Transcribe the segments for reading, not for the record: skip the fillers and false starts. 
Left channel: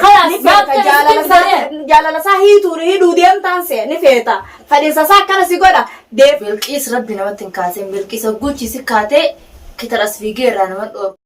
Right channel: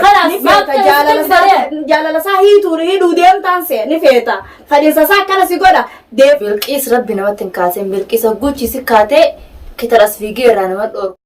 خلاص ما جالala saa hidhuu deemtaan see ni feeta fadhiisa isaa akkana si godha deeb bilqiis rabbi namatti hin kaaseen bilqiisa guchi si kaatee kitaras fiigee irraa nama dhoorku.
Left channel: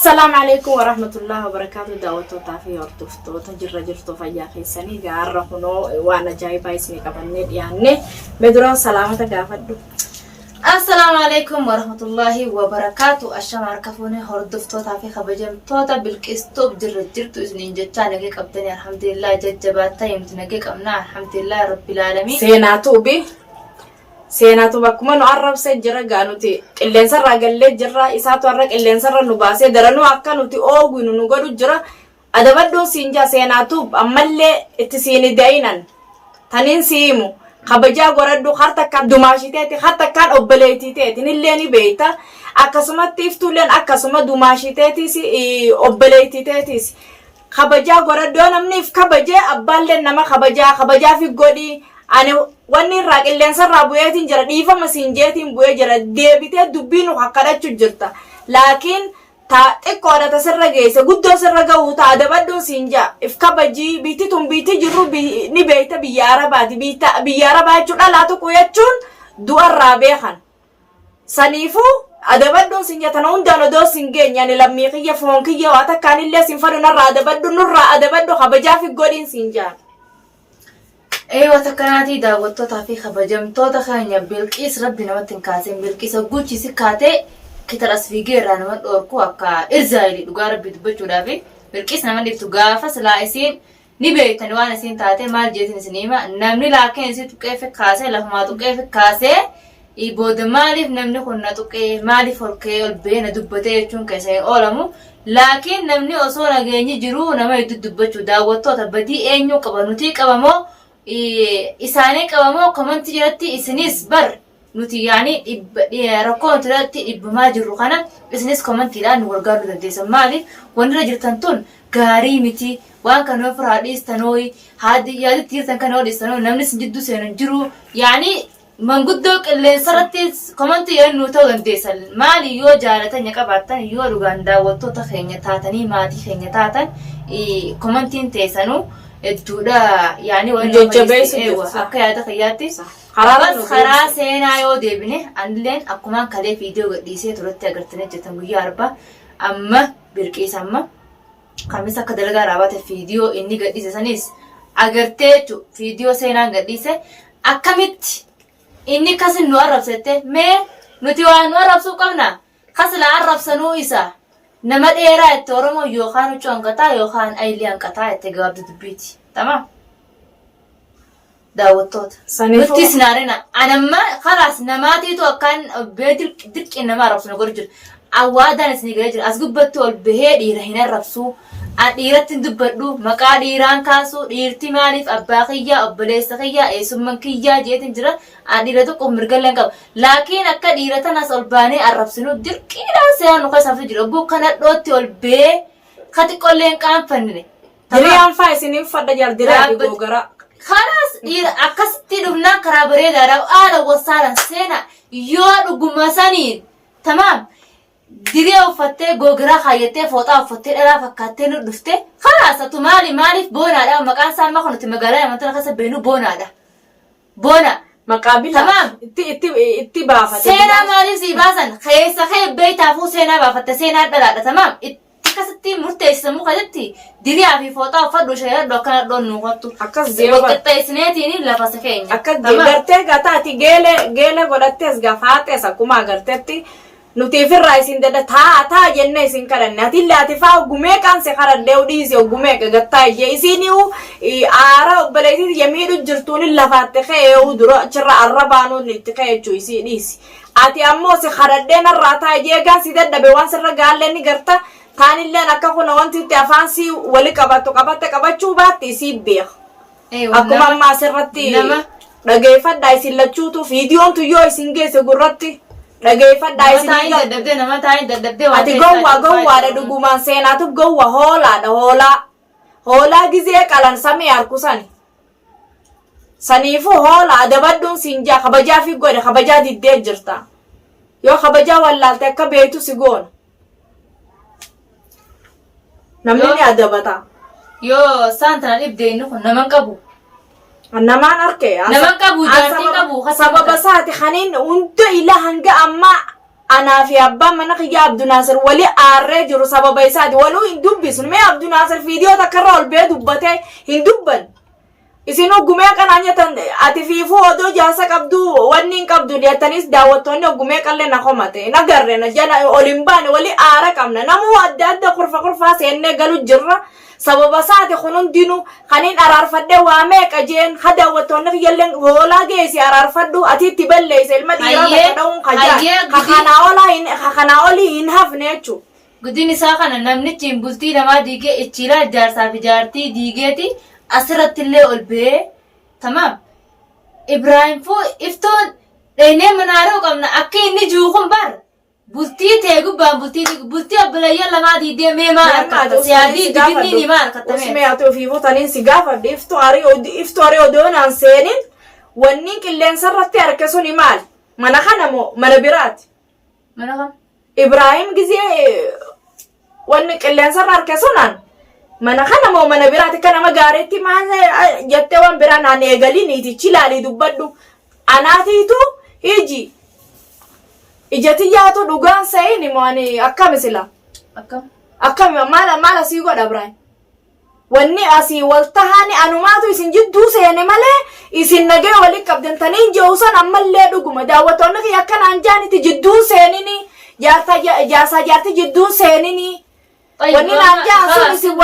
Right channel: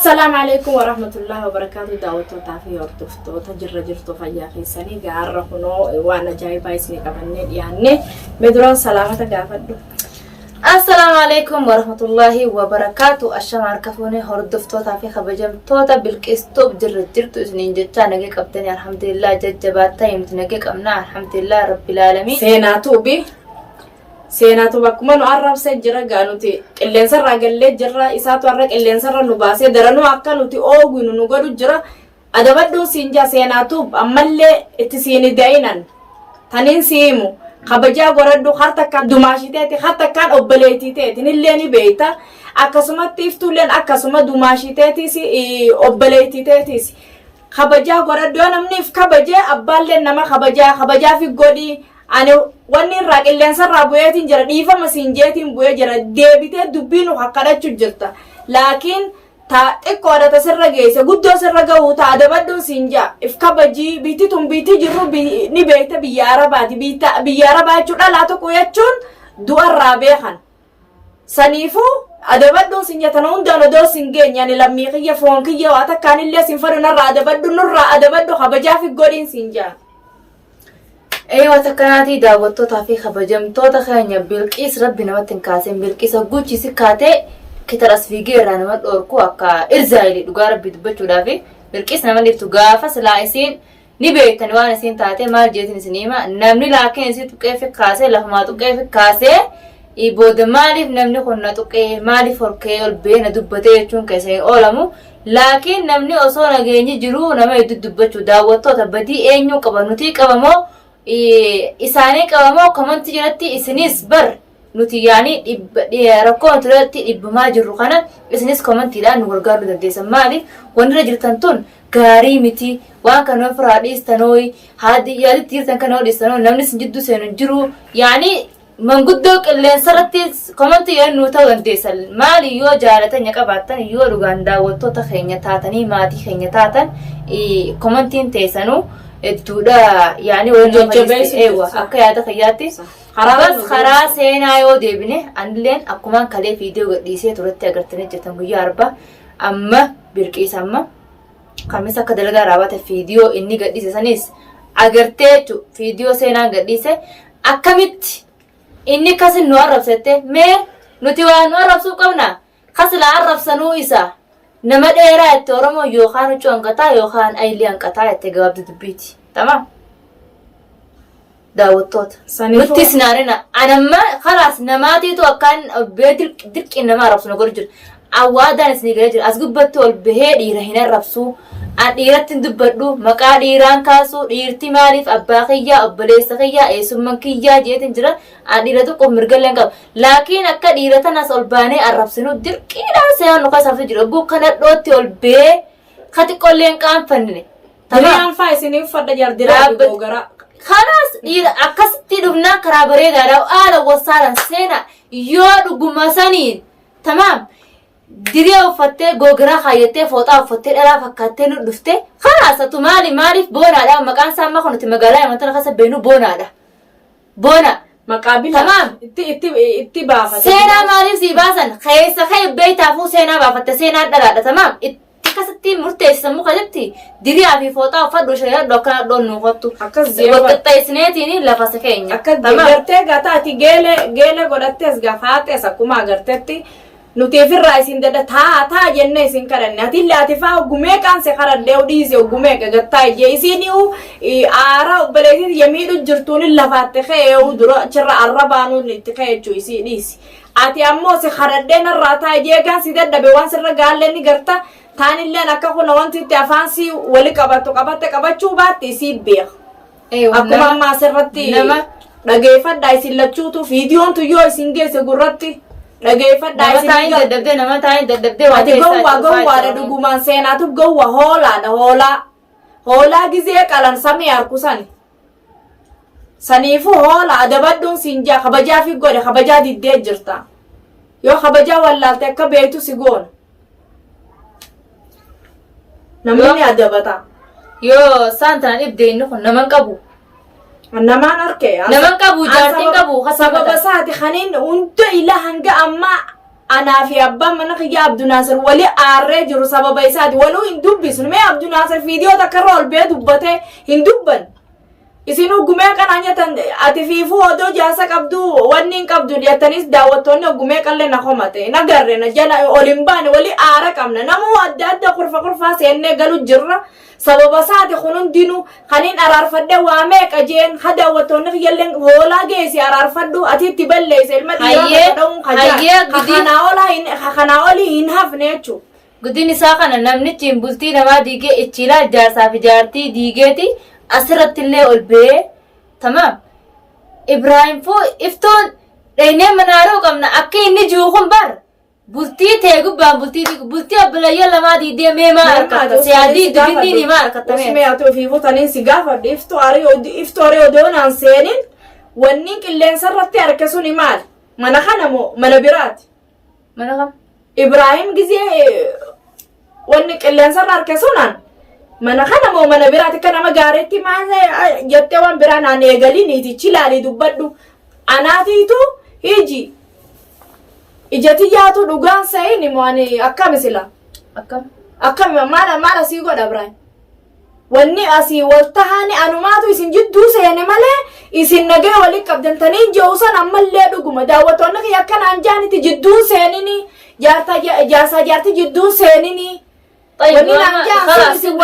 السلام عليكم ورحمة الله وبركاته دعوتو تافي يورتفتو تجرى جرتو فيا خيساني قارة هنو وانا جايبا اسمي قبلني يعني مدرون سلامة قافدو السلام عليكم ورحمة الله وبركاته الشمع ركفوني هردفتو تافي خبجمتو تا بالكستو بجرى جرتو اسنين جتا نجي قبتني الحمد لله ججباتا يمت نجي قبنا الحمد لله رب العالمين سيناتو بي سيناتو بكما نعرف سجرة قانوتي اللي نسرع قلت جرة إساتو عرق اللي نسرع نباسي درنو أكا نوتي أوغي ننقلو جرة أدبادو سينجا سيناتو أما اللي اتسيني داينان تنين سيمو خبجا قردو خارتا كان دماشي تيتي خارتا كان أبليتي تيتي نليني بيتا أكا سما تيفتو لين أكا سما دماشي تيتي سي أبليتي تيتي سي خبجا قردو نمنيف خبجا أبال لين نما خبجا في قولي أنا واني راك اللي انسر بويتين جرى ديفا مسنجيتين بوي جرى ديبيتي دبينو حقادة جرتا لكن تا اقوادة تسر جيسا قدو سر قوتا ادبادو سنجا افكابجي بيتي تم بيتي جرو نبيتا بيارا باتي بيارا باتي لا تقو يتشون دو الرابيخان سنيفو ادبادو سنجا تنون دانو دو سنجين يعني لميقية فونكية واتا كان اللي سنفرو نرى ادبادو نرى ادبادو خبجا في قولين سنجا ايوه تكناتي دعوتو تافي خبجمتو تخانيا بالقيس ربي نمتن كاسين بالقيس غوچي سكاتي كترس فيغيرا نمت اوركو اكا ارزايلي دوغا ربي دبچو دافي بالقيس نمن ديفتو غافا سلايسين نيبيتن وانا سين تاتي مال جيتن سنيما نمني لاكن سي تقيف كاسه لفما تقيف كاسه يبود مالف نمني خنا تقي مالف فركي البين دبته يچون كسي اولمو لكن نمني اوسو نغيني جرو نما يدبچو دعوتو تبدي اينو قبنوتي قبمو إساني كمان كمان تجرتي إسنيس بر نوتي يعني ركون تجرتي إبما جروخنا إسنيس كمان تلا نورجار بدرس مالي ونرجع تنتون كاري متي وان كانوا فراديس تنوي هذه يعني تير تنكنوا ديسانو نمنس جدو سنجرو يعني من قدوك اللي انسرتي كمان تيان نوتا ونديسال مالي يو جارتا نيكا باتن يو روغاندا وتو تخينيا تاتني ماتي خينيا تاتن كمان تين تيسانو التودا يعني وجبيس ايوه اكياتا خياتي بس خلاص هنا يو ديبني عندلين اكمان كلي فيديو ديسي تورتي اغرتني جتم ياربا اما برقيس اما خميسا كدلغا رابات فيديو اني غديسه سنيس اغرتيچو فيديو سينا غديسه اكمت اني كاسن نو عرفته مي نوتي وان عرفسو قمنا خسلا عرفسنو إسا نما ديرا تورمو يوخانو چونقتا يوخان ايليان قتا يتجاوب دبيتي تمام داوتوت نوتي سنارنا انا ما خلاص نماتي تو كان بدك انما عرفسو غرجر awaadan isnigaajir asgubbatol bahee dhiira hin arrabsu aan dhiiratti dubbadhu maqaa dhiiraan kaasu dhiirti maaliif abbaa kiyyaa obboleessa kiyyaa eessumman kiyyaa jeetin jira aan dhiira tokko mirgalleen qaba laakiin akka dhiira tanas ol baanee arrabsinu dirqiidhaan se'an nuka safti jira guu kana dhootti ol bee kati qolleen qaanfanne diriyaan faa isiniif fadha jardiraa gogara خلاص dhiira akkasitti dhufnaan karaa bareedaadhaa haala wasaalan seena yoo dhuguma saniin tamaam diriya uffattee gogiraa kaayattee fooxaa uffattee dhalaa fakkaattee nu dhuftee khalaasatu maaliif boonaadha maqaan isaa amma kunuti magaalaa amantana keessa beenu boonaadha boona maqaabil tamaam itti baafate seenaa maaliif sii baasan keessa kee beeytaafuu seenaa baafatte seenaa dhalaadha tamaam itti kasatti murteessisan mukatti diriyaa fi fooxaa uffadhu shayadhu akkana dhoon nuufattu akkas waqixxeessineetiin lafasa keenya akkas gartee gataati geela godhattees gafaatees akkuma agarteetti nuti firraa isin dada taa jenne isin kadhanne ati laatifaa gumee qaanse karadde udhiise gumee gagattaa ije isiniu aara obboleetii yamiidhu jirtuun lafaatte kee dura chirra arrabaanu itti keechu isi dhiisi ati ammoo si kadhadde narraa taa ije gaan si dadhabe waan sirra gaallenni garta taanilleen akka kuna wanti itti afaan si wali qabachuu baatti isii beek akkuma ammaa sirratti dhageeffadhaa isin lachuutu fiidiyoon tuyyoo isin geesse gurratti dhageeffadhaa isin nama taa'in daddabdee waan keessaa gowwaadha dhugumaan seenaatuuf gowwa hoolaa gizee qalan samii harkusani saniifu hoolaa adabadduun siinjaa kabajaa fi godhe kabajaa diddee jirta yoo kabajaa wallaalte akka beeytu si goona namni ni adabata yoo saantana dhibdee inni kun naman qabu namaan harke naman qabu jaartiin qabu sababa saati kaniin hunda ila hanga amma anaa fi abbaan mana kiyya Abdunaasir wali aarree jiru sababa isaati waluu hin dubbisnu mee Abdunaasir viidiyoo takkarra ol bee dubbatee hin dubban isin oggumee kanaa nyatan ati fiifuu odoo jaasa qabdu wanni hin qabdu dhiyaatanis daawwattoonni oggumee qallee na komate na garre na jala ol hin baane wali aara qabna namuu adda adda kurfaa seennee galu jirra sababa saati kun hundinuu kaniin araarfadhe waa meeqa jeen ha daawwattoonni kiyyalleen hoolaa geessi araarfadhu ati itti balleeyse ilma dhiiraa ta'uun kanaa olii hin hafne jechuu guddin isaa kana namnichi bultii namaa diigee ichiilaa ijaarsaa fi jaartii diigeeti asirratti illee ol bee tamam Ibrahim foo iftoon dheenee manaaroo qabna akka inni jiru kun bar bultii ta'e gubbaan bultii abbilayyaa lamaa diidee mee maa harkatta siyaadii dibinni ni maa harkatta mee usmee ati ofii fuutaniin si gaafadhe iftuu arii odoonaan seenin wanni qilleensa irratti harke suni maal mana kana moo mana biraati mana kam Ibrahim gizee wanni qilleensa irra harke sunaan mana kana moo mana biraati akka nama gaariitti maal jettee waan biraa naan eegaliin itichi ilaalii dubbadhu anaatiitu hiji ijati yaatu dhugaan sa'ini moo ani akkam sila akkam maala sii godha Ibrahim wanni asii waltahaani anumaatu isin jidduu seene malee isin nagee walii qabdantanii je'uusan ammallee dhuguma daawwattoonni kiyya akkanaan jaaniti jidduun seenini jaartii jidduun seenini wanni naan jaa isin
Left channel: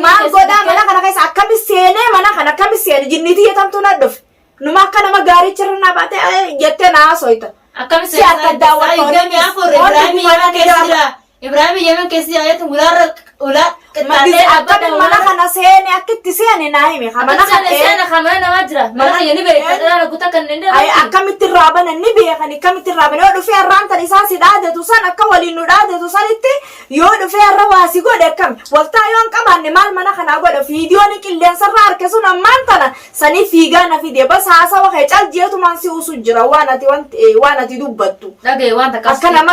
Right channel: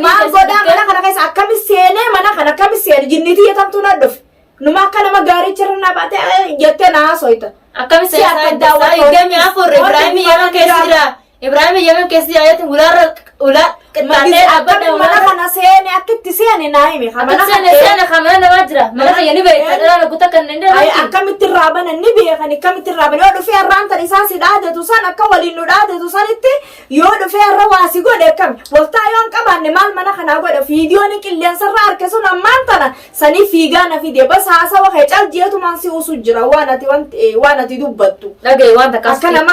maal godhaa mana kana keessa akkami seenee mana kana akkami seene jinnitii yetamtuu na dhufe numa akka nama gaarii cirnaa baate jettee na haasoyta akkami seene daawwattoonni afur Ibrahim Yemen keessa jaayatin ulaa mana kana seene akkitti seene naa himi mana seene nama jira mana kayya ni beekta dhala guta kan nende akkamitti raaban ni beekan akkamitti raaban yoo dhufee arraantan isaa si dhaadatu san akka waliin nu dhaadatu sanitti yoo dhufee arra waasi godhe akkami waltaa yoon qabaanne maal mana kana godha viidiyoon qilleensa irraa harke sun ammaan tana sanii fiigaa na fide bas haasawa kee caljeetumaan si usu jira waan ati dubbattu dhagaye waan takkas akka nama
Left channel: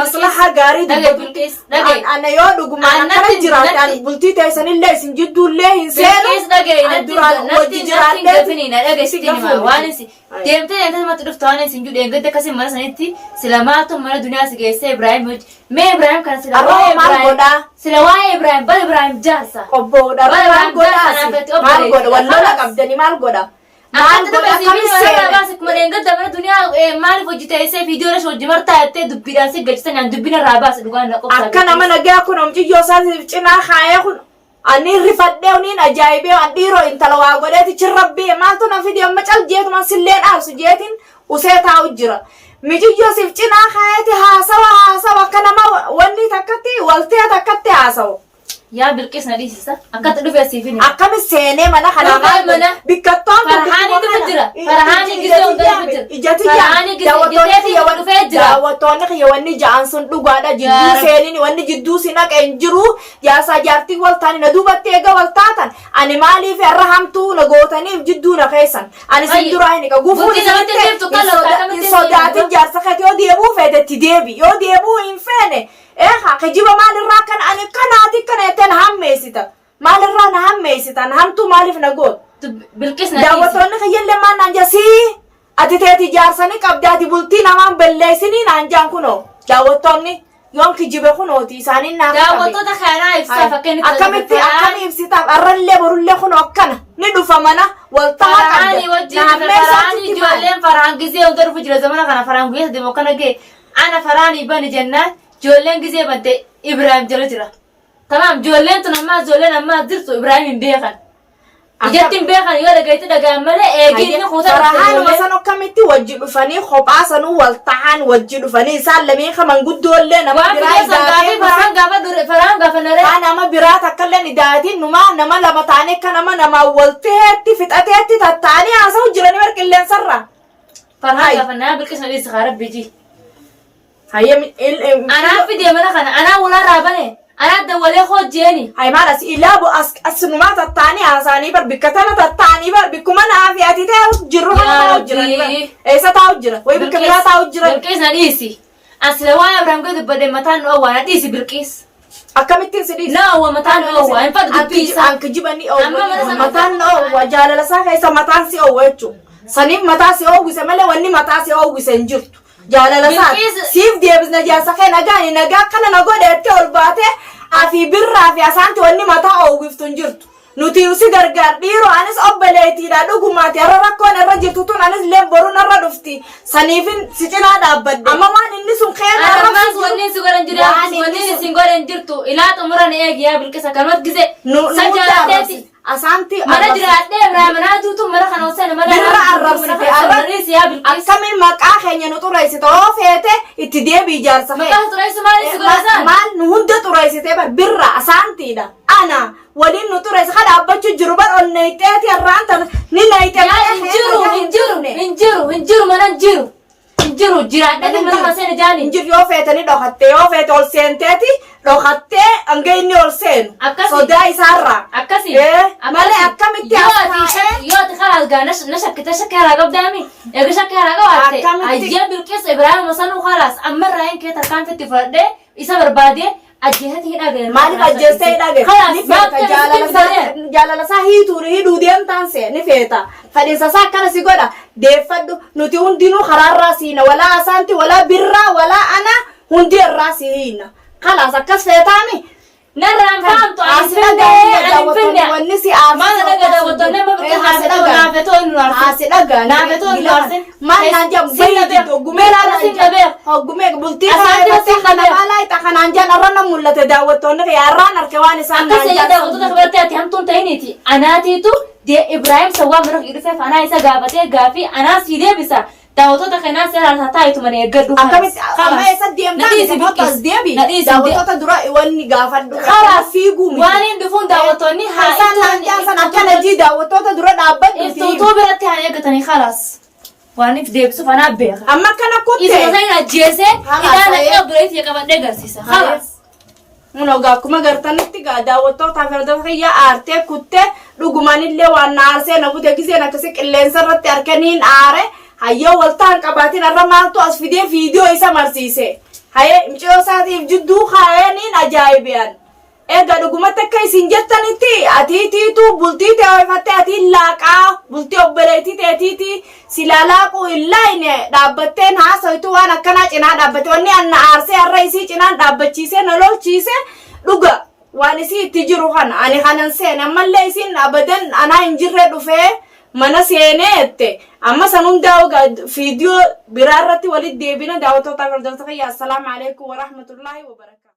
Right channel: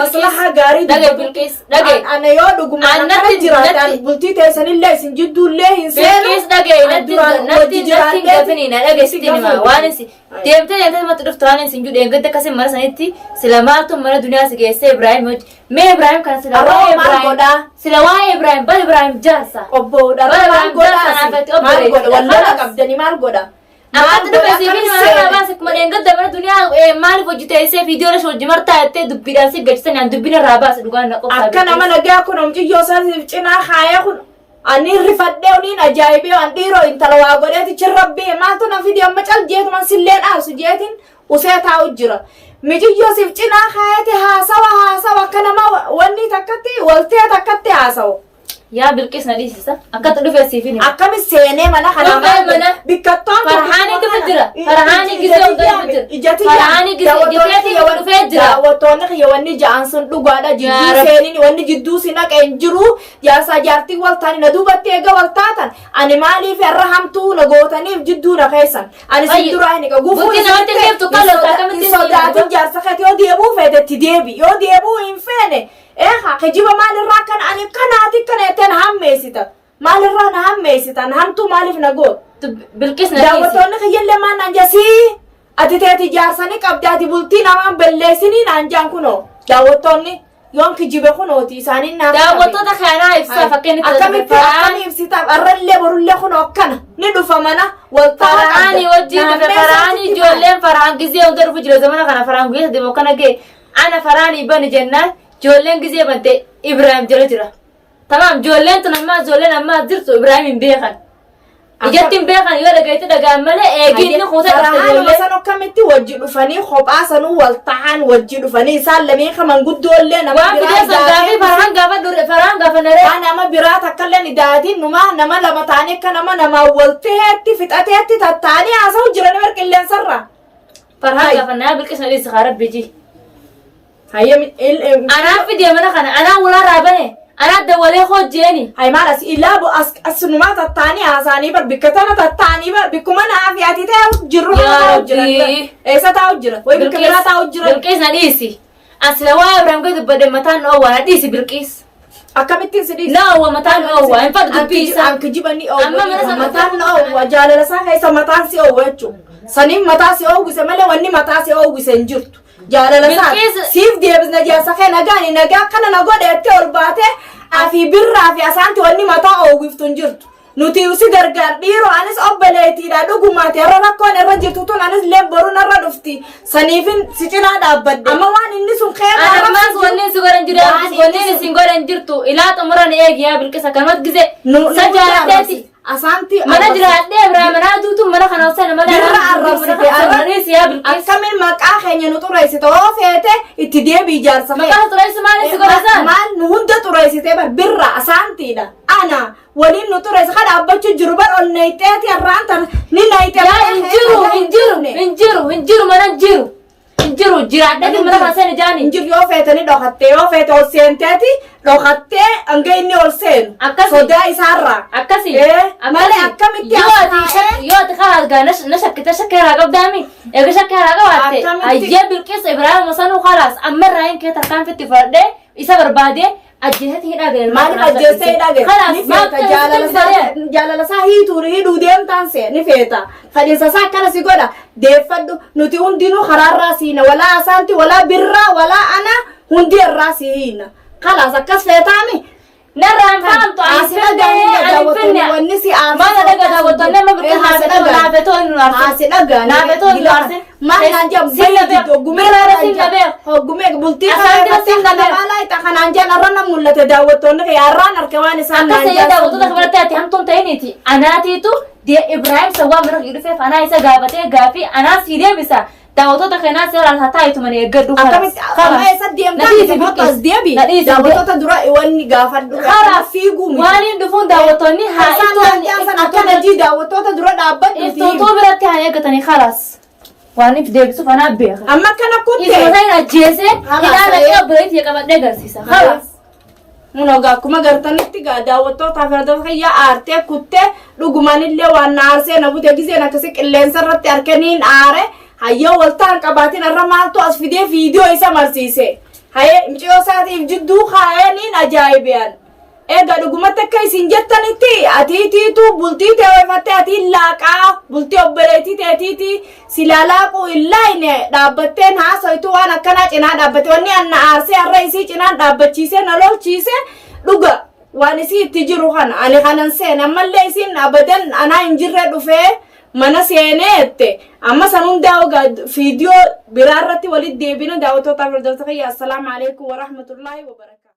maslaha gaarii dhagaye ana yoo dhuguma akkana jiraata bultii teessanillee isin jidduullee hin seenu Bilqis dhagaye natti gafini na dhagaye sitti nima waan isi deemtee matti dhuftu waan isin judheen gadda akkasii mana sanitti sila maaltu mana duniyaa si geessee Ibrahim mee Ibrahim kana sila waa'ee Ibrahim bal Ibrahim jaarsa obboodha maal godha wallola qabdani maal godha akkatti dhufe siifini mana baasi kuma dheengadda mana duniyaa maaliif hojjiteessee viidiyoo lash hojii martaa jettee dubbiidhaan si gachisanii an dubbina irraa baasi dhugaan na qofaa akka nama nagaa kun omciyyoo isaatiif cinaa kaayee kun ani rifadhee uniin ajaa'ibee an dhiiroo intala waa godheeti chirrabbii maaltu na fidi amma caljeetuma silleen aasu jeetiin usee taa'u jira mijiyyoo siif cinaa kaayeeti haasawa akka nama wanni takkatti waltee takkatti haasawu yaa Bilqis na dhiisisa akkatti dhufe siifini akkami seenee mana kana bikkattoon Farhaanii dhufe jira Farhaanii gisee hunda dhufe jira Farhaanii giseeti dhufee jira daawwattoonni kiyya wanni ja'an sun dhugaadha jidduu seenini wanni jidduu si naqeen jiru jaarsaa jaartii waltaani na duubatti eega waltaatan ani maaliif irra hamtuu na gootaniif jidduu na keessan ani sin duraa hin gufuu sodaatin jaarsa keeti yoo deebuu feetetti deebi yoo deebuu hin feene kejiba maalirraa kan ani kanaati kana jetteen hammeessita maalirraa na hammeessitan hamtuu maaliif na goot Bilqis na daawwattoonni kiyyallee maan naan jasii ati teeti jaarsanii qabdaati bultii namaan balleessinii naan jaan kunoo daawwattoonni yoon kijibe kunooti isaaniin naaf daawwattoota kanaa ibsaa fakkeenya akkamitti akkani ibsitaaf arrallee borullee kunoo akkana ni dhufa mana waltaa Farhaanii wajjin dhufe Farhaanii ijoolleen Farhaan gisee hunda dhufu jira zamana kana Farhaan guyyaa deemu kana gee ana Farhaanii bani jennaan ijoolleen gisee bante Ibrahim jala jira tamam ijoolleen tun ammaa ijoolleen ammaa jirtu Ibrahim hin beekan ijattiin beekan yoo dhagayetti dhagaan malee eegiinni kuuta dhufte ijoollee san akkamitti wajji dhufanii kophaa sanuu wal ta'an wajji dhufanii isaan lameen kaman guddoollee nama waan fidee san gaafii Farhaan gaafa naree nama biraa takkallee idaatiin nama lama taanii akka nama walteetti fixateetti tattaanii haasa'u jiranii bar qilleensarra Farhaan gaafa naa Bilqis na dhiisa kaa rabbii anaa fidee mana kana anaa ulaa raabane anaa dawalee hojjeeni maal ilaabu asnumaa tattaanii haasaanii bar bikkatana tattaanii bar bikkuma naafi ati ta'e jirru eessa taa'u jira way bikka biraa taa'u jira Bilqis na dhiisi أصل واي إبراهيم قد بدأ متان أول هديسي بالقيس أكملتين سديس لا هو متان أول إن فرق بيسا أنك جبني أول أما مرة متان أول جال لسا هاي سمتان سي أول شو سنين متاسي أول سملا وني متاسي أول سنجرت جال لسا سيف دي بس نجاسة خي نجاني نجا كنا نقول أتول باته أفي برا في أسانت وني متا أول فتنجرت nuti usi gargar diro anis obbeleeti da dhugumati arra rakkoon irra jirtu tun anis leebboruun irra dhufti saniifin si cinaa dhaabbadde amma waan inni sun keena armas wanni si godhan jira wanni si godhan jirtu ilaa xumuran eegiyaa bilqisa kanot gize sajjaalateeti asanti mana jiraadhe Ibrahim naatutu mana kana osana mana birra arrabsite arrabsi ya bilqis akkamin maqaa keenya nu xureessite oo feete itti deebii ijaarsa maqaa xureessu maali si godhasan maal nu hunda xureessite bar birra asantiidha ana ولين نطرس خد أبتش جروبان أو نيتات يا رانت نينايت يا إنجرو ما إنجرو جراد ده من ما سنة جاني إنجر يو فيتني دخلت يو فيت أول سنتاتي دخلت أنجيني أول سن صداي سارة أكاسي ماله أكمل يو تخلص جانش نشك هراجع دامي يا شك هراجع وقته أيام بالكيس إبراهيم مثلا خلاص أمر راين كده تكان في التفرد إيسا بربادي أجهت هنا غير ما أجهت هنا غير خلاص ما جالا ساهي توري دوديم تانسي نفيتا فديسا ساكنا سيقودا ديفدو نتي هندينو خرار راسينا ولا أسانتي ولا برا ولا أنا هندي الراسينا خلاص أكس فيتامي نرى فهمتوا أنا فيني والنسي ما أنا لقى وطلنا ما بكون نافتون نارسين ما نانجا بيجي غميل راسين غميل بولتي أنا لا يتكلم عن جال رانا مولة تداوتون يا رانا ركواني سان أكثر يداوتون خبرتي هم تنتهينيتي أنا تيتو دي إبراهيم سوا مرة يرفع فأنا إسا جابتي جافي أنا سيريا بسا داوتو تخينا سير الهتاي تمني يقدو خلاص خلاص يسديم تاني بطل ديبي داوتو تدرا واني جافد خلاص في قومي واني دفون داوتوني حسن أكنا جي داوتو تدرا دابد إفتوتو برتي هاي قطني خلاص واني في ديبسو فأنا أبيخ أما كنا كنت إذا هاي نجيسة إذا أنا قبلت يكمل نجرسيسا خلاص munoga kuma gartanitti ga daawwattoota farda khayya aarte kutte dhugumanillee waan aarse na bute giseen akkasi qilleensa irratti arkaniin aare hayyo waltaan qabaatin arra maaltu as fidee viidiyoo isa marsiise haye imciyoo saatiif jidduu kaayaniin ajaa'ibiyan eega dhugumatti akka isin jettanitti atiitiitu bultii ta'eeffatte atiin laaqaa bultii obboleetii ta'etiiti silaalaaquu illaayne dhaabbatteen haasoitu waan akkanaa cinaa dhaabbate wanni anna aarsee arra isii cinaan dhaabbachiisee na lolchiise dhuga waan isii itti jiru kana ani kanan seene ammallee isiin abadan anaa hin jirre dhufee mana seeneette amma sanum daawga viidiyoo biraarratti walit deebina daawwattoota fardoota fayyaa assalaamu alaykum wa rahmatullahi wa barakatuh